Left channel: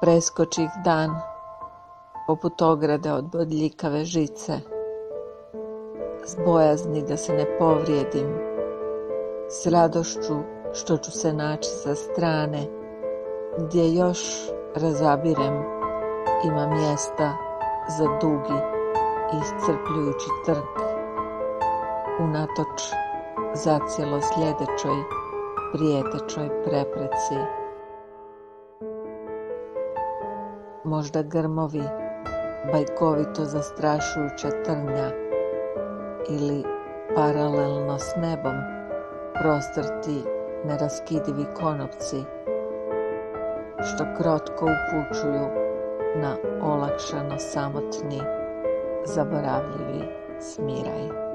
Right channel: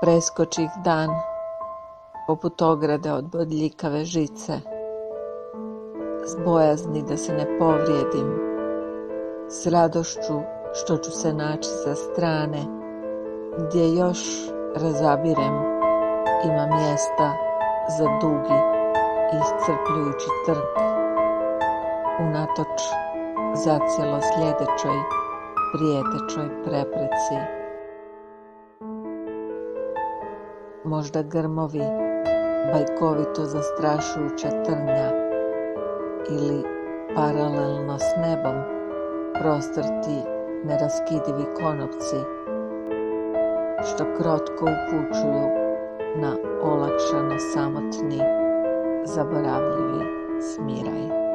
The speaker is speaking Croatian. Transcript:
Preskočih dan, poput ograde od bodljikave žice, s bojazni da se ne povrijedim, s radošću što ću se naći sa strane, gdje još razabirem ima mjesta za dugi i iscrpljujući trk, unatoč zacijelo sljedećoj prijetećoj prepreci. Možda grmovi, bajkovito zastrašujuća trnja ili paralelno s nebom prostrti neraskidivi konopci što krotko upućuju na olakšano samotni, zaboravljivi smiraj.